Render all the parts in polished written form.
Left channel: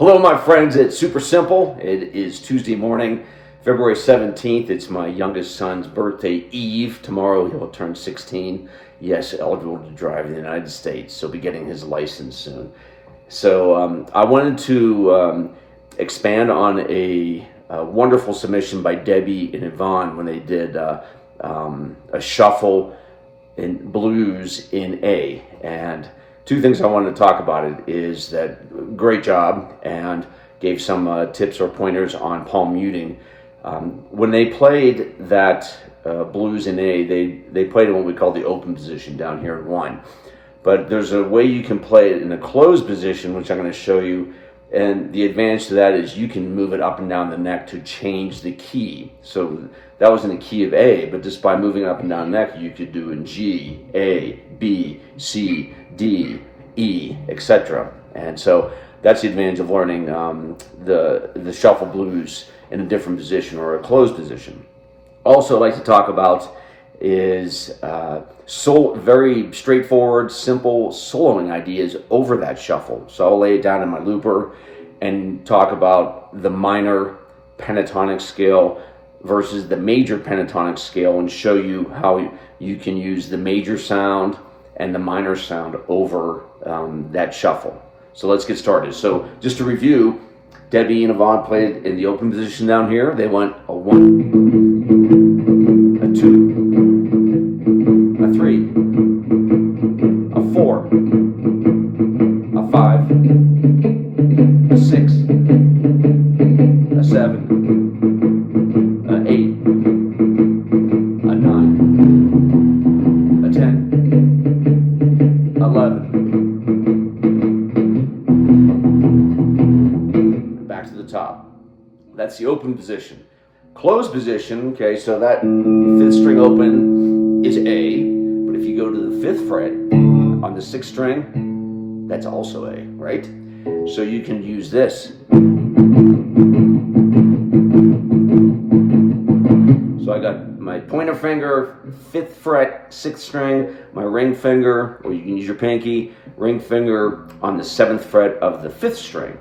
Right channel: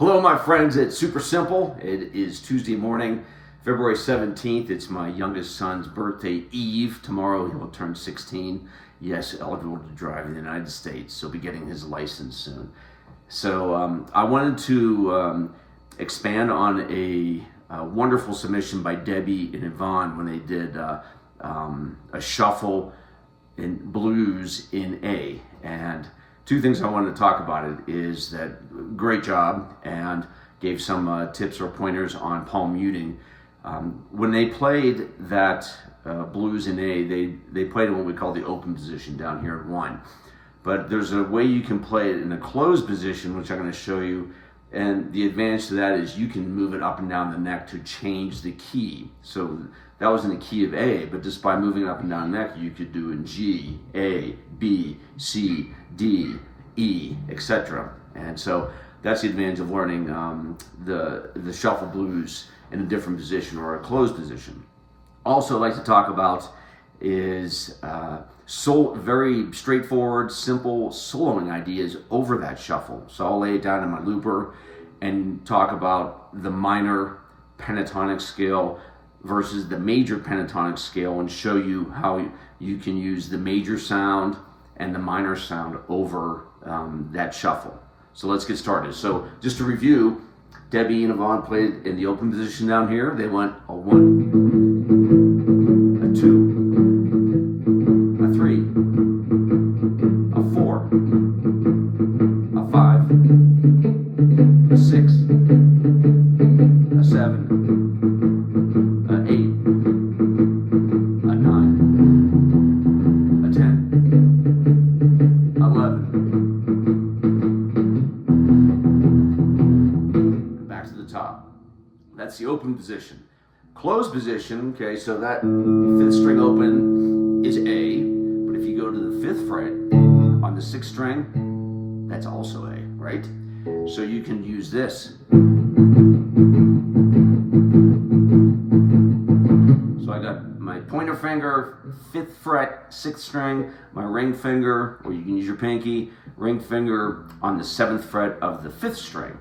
Hello, my friends. It's super simple. It is Tuesday morning, February 17th. It's my youngest son's birthday eve. Tomorrow he'll turn 16. Yes, eligible to drive in the United States. So be getting his license soon. So I wanted to expand on a wonderful submission by Debbie and Yvonne when they did a shuffle in blues in A. And two things I wanted to talk about it is that great job, and gave some tips or pointers on palm muting. When they played that blues in A, they played in what we call the open position down here in 1. But there's a way you can play it in a closed position, which I'm going to show you. And the advantage to that is you can move it up and down the neck to change the key. So that was in the key of A, but just by moving up and down the neck, you could do in G, A, B, C, D, E, etc. And so that's the advantage of learning the shuffle blues in a different position or a closed position. Also, I'd like to talk about is very straightforward, simple soloing ideas over that shuffle. So I'll lay it down in my looper and talk about the minor pentatonic scale versus the major pentatonic scale, and show you how you can use the major sound and the minor sound over that shuffle. So let's get started. So just to review, Debbie and Yvonne played in the open position down here. They went a 1, a 2, a 3, a 4, a 5, a 6, a 7, a 8, a 9, a 10, 11. Back to the top. That's the open position. Closed position, okay, so that 5th string open is A, but if you go to the 5th fret on the 6th string, that's also A, right? So you can use this. So I got my pointer finger, 5th fret, 6th string, my ring finger, or you can use your pinky, ring finger on the 7th fret of the 5th string.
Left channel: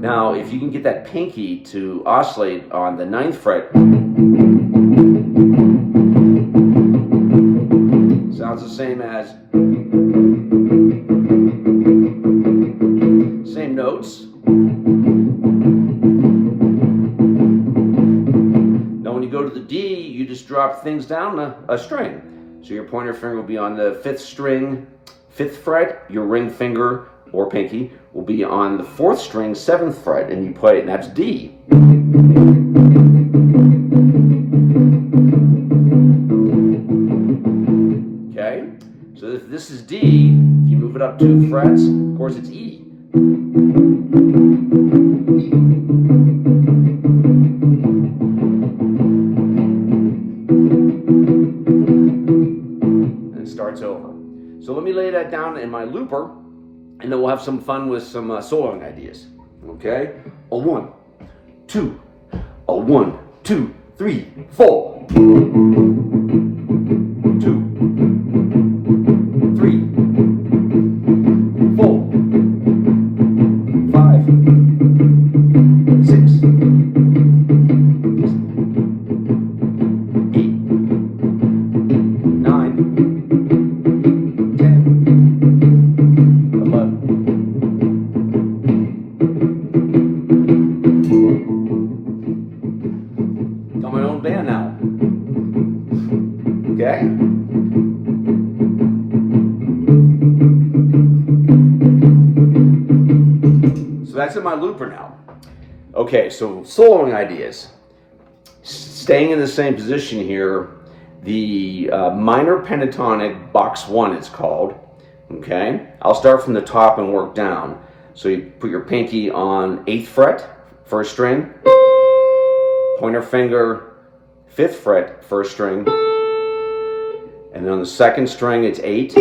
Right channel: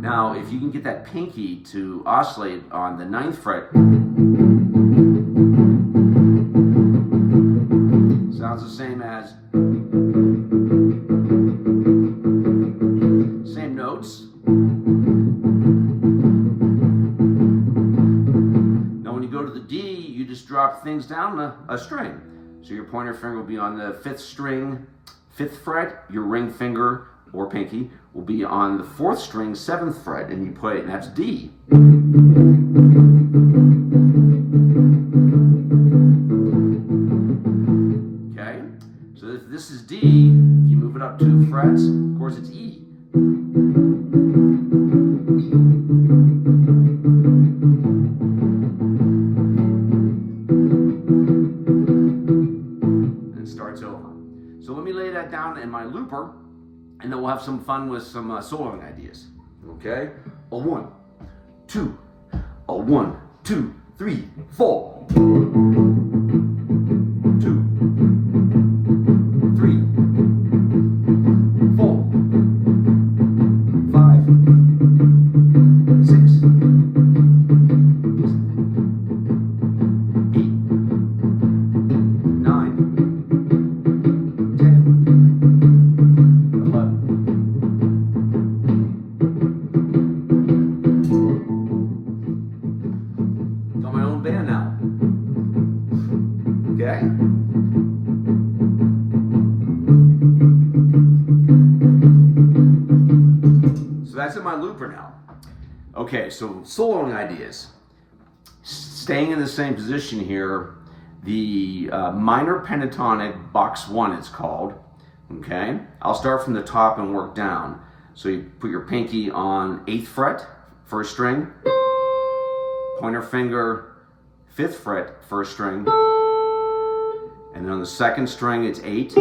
Now, if you can get that pinky to oscillate on the 9th fret, sounds the same as, same notes. Now, when you go to the D, you just drop things down a string. So your pointer finger will be on the 5th string, 5th fret, your ring finger or pinky will be on the 4th string, 7th fret, and you play it, and that's D. Okay? So if this is D, if you move it up 2 frets, of course it's E. And it starts over. So let me lay that down in my looper, and then we'll have some fun with some soloing ideas. Okay? A 1, 2, a 1, 2, 3, 4. 2, 3, 4, 5, 6, 8, 9, 10, 11. Got my own band now. Okay? So that's in my looper now. Okay, so soloing ideas. Staying in the same position here, the minor pentatonic box 1 it's called. Okay? I'll start from the top and work down. So you put your pinky on 8th fret, 1st string, pointer finger, 5th fret, 1st string, and then on the 2nd string it's 8,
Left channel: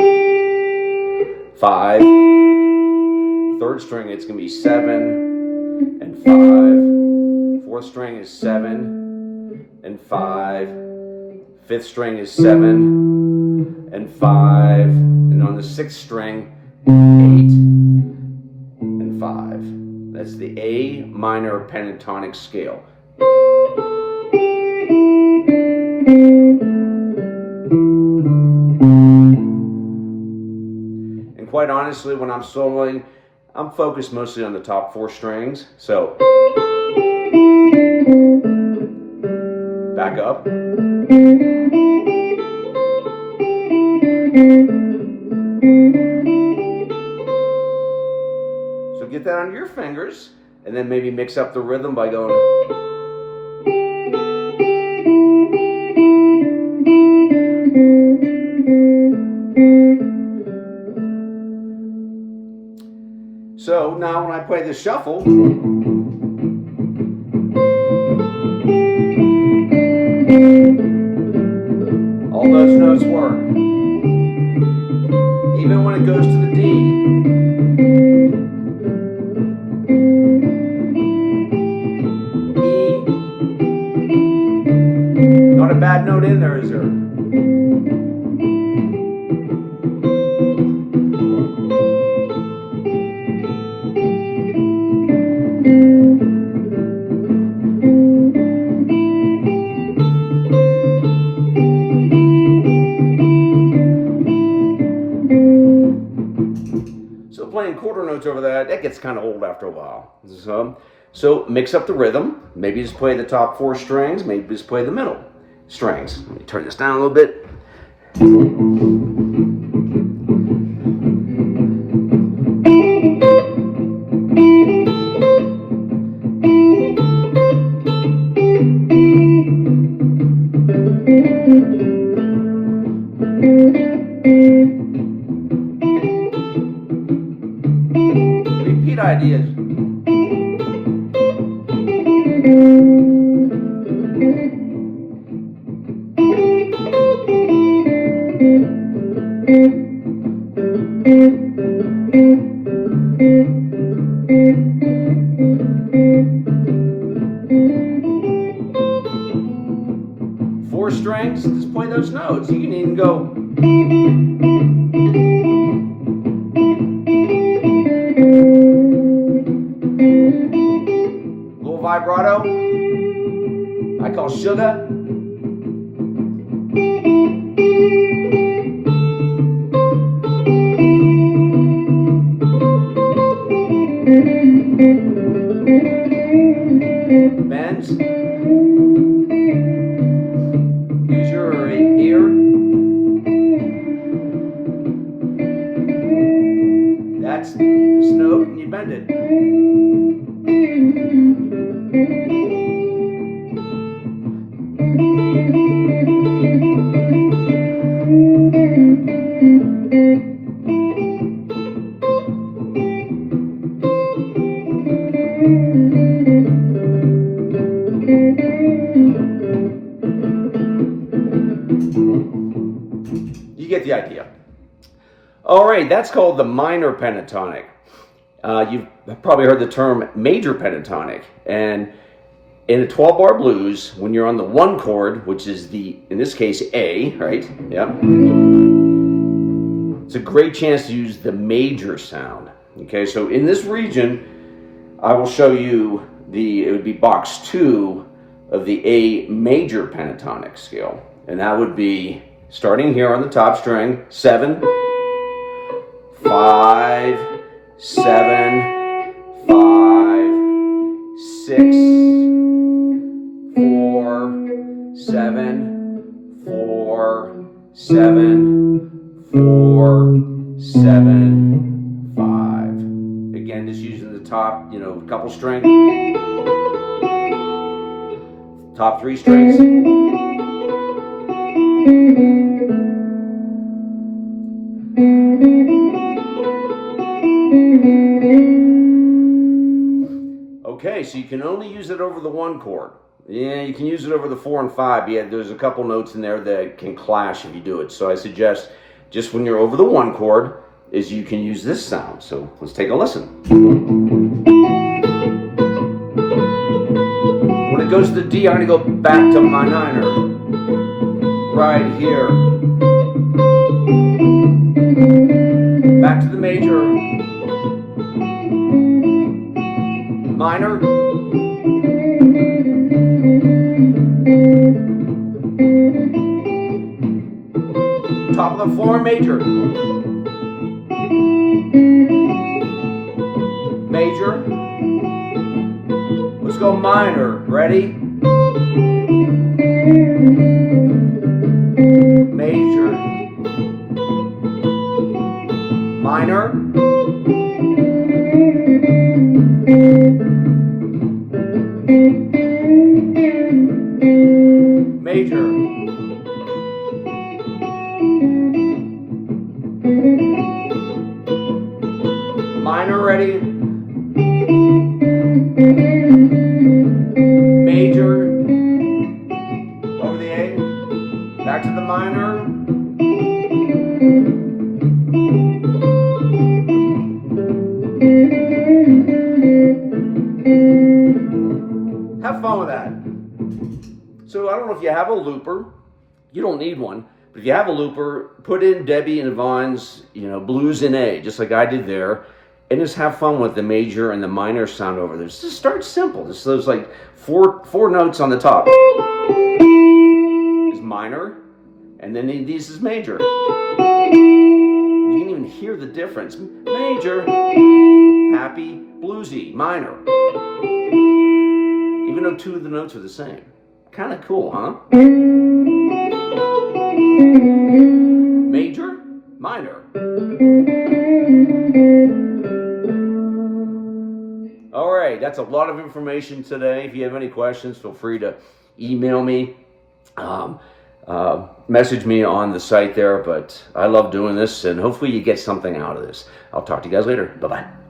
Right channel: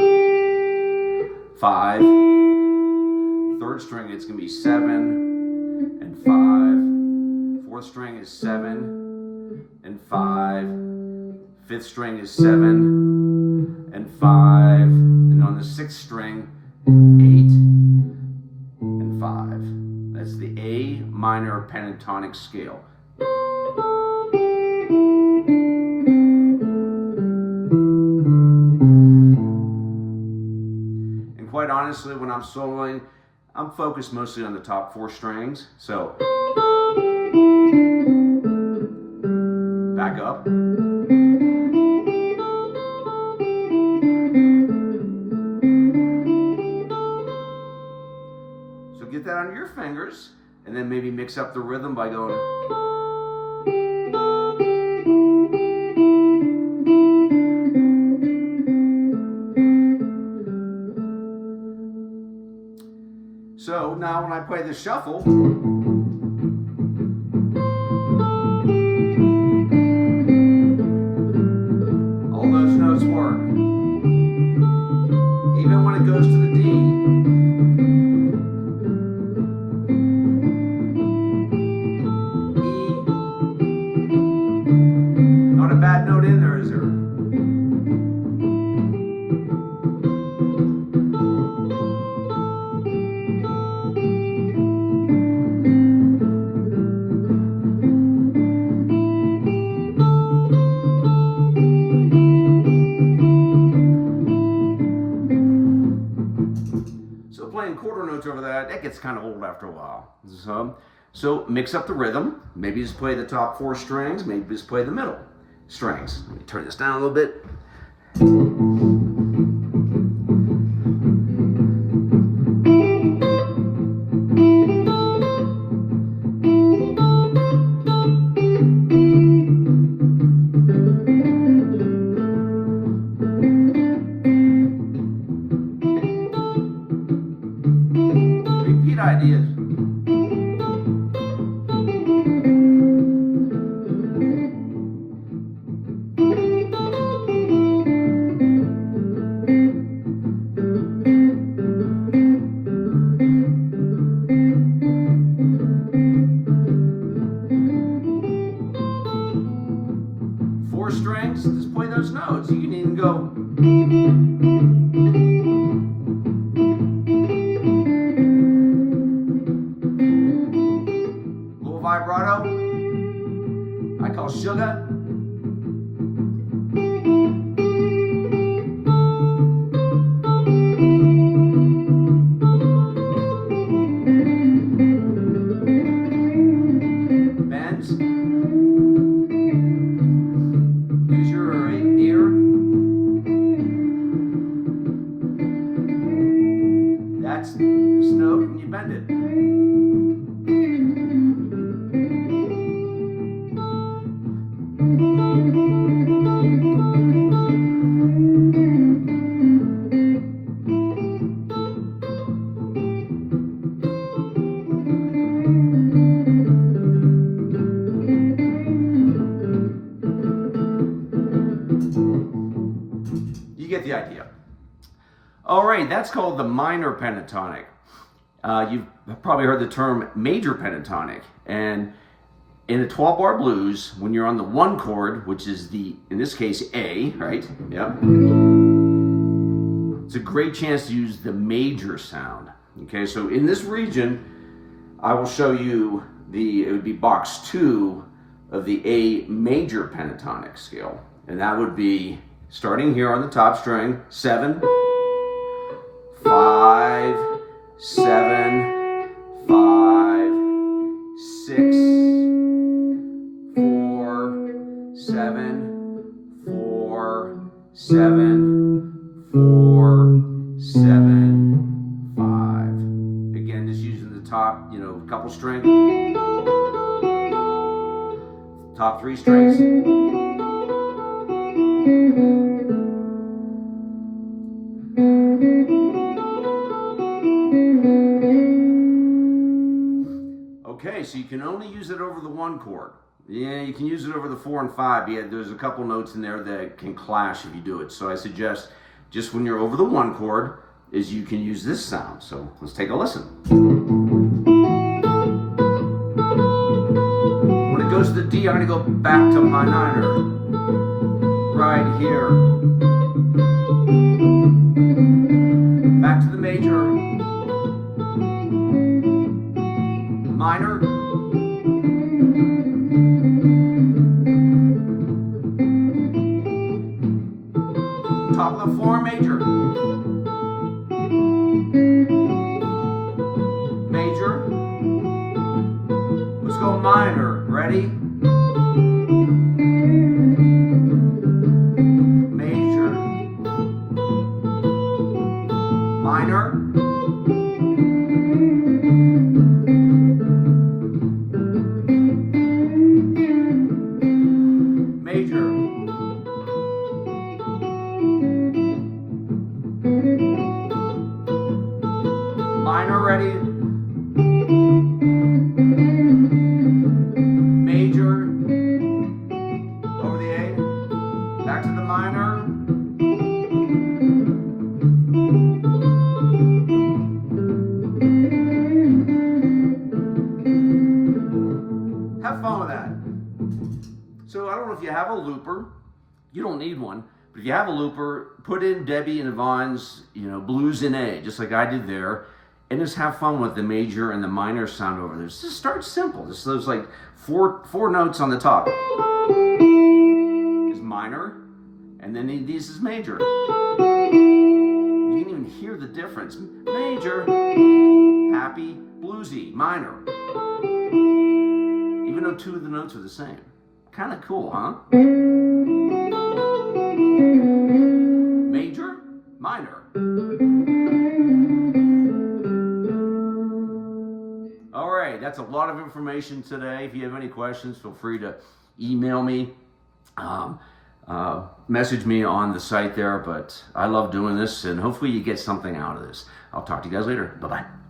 5, 3rd string it's going to be 7 and 5, 4th string is 7 and 5, 5th string is 7 and 5, and on the 6th string 8 and 5. That's the A minor pentatonic scale. And quite honestly, when I'm soloing, I'm focused mostly on the top 4 strings. So back up. So get that on your fingers, and then maybe mix up the rhythm by going. So now when I play the shuffle, all those notes work. Even when it goes to the D. Not a bad note in there, is there? So playing quarter notes over that gets kind of old after a while. So mix up the rhythm. Maybe just play the top 4 strings. Maybe just play the middle strings. Let me turn this down a little bit. Repeat ideas. Four strings, just play those notes. You can even go. Little vibrato. I call sugar. Bends. Use your ear. That's this note, and you bend it. You get the idea. All right, that's called the minor pentatonic. You've probably heard the term major pentatonic. And in a 12-bar blues, when you're on the 1 chord, which is in this case, A, right? Yeah. It's a great chance to use the major sound. Okay, so in this region, I will show you it would be box 2 of the A major pentatonic scale. And that would be starting here on the top string, 7, 5, 7, 5, 6, 4, 7, 4, 7, 4, 7, 5. Again, just using the top, couple strings. Top 3 strings. Okay, so you can only use it over the 1 chord. Yeah, you can use it over the 4 and 5. Yeah, there's a couple notes in there that can clash if you do it. So I suggest just when you're over the 1 chord is you can use this sound. So let's take a listen. When it goes to the D, I'm going to go back to my 9er. Right here. Back to the major. minor, top of the floor, major, major, let's go minor, ready, major, minor, major, minor, ready, major, over the A, back to the minor, have fun with that. So I don't know if you have a looper, you don't need one, but if you have a looper, put in Debbie and Yvonne's, blues in A, just like I did there, and just have fun with the major and the minor sound over there. Just start simple. Just those like four notes on the top is minor, and then these is major. You can even hear the difference. Major, happy, bluesy, minor. Even though two of the notes are the same. Kind of cool, huh? Major, minor. All right, that's a lot of information today. If you have any questions, feel free to email me, message me on the site there. But I love doing this, and hopefully you get something out of this. I'll talk to you guys later. Bye-bye.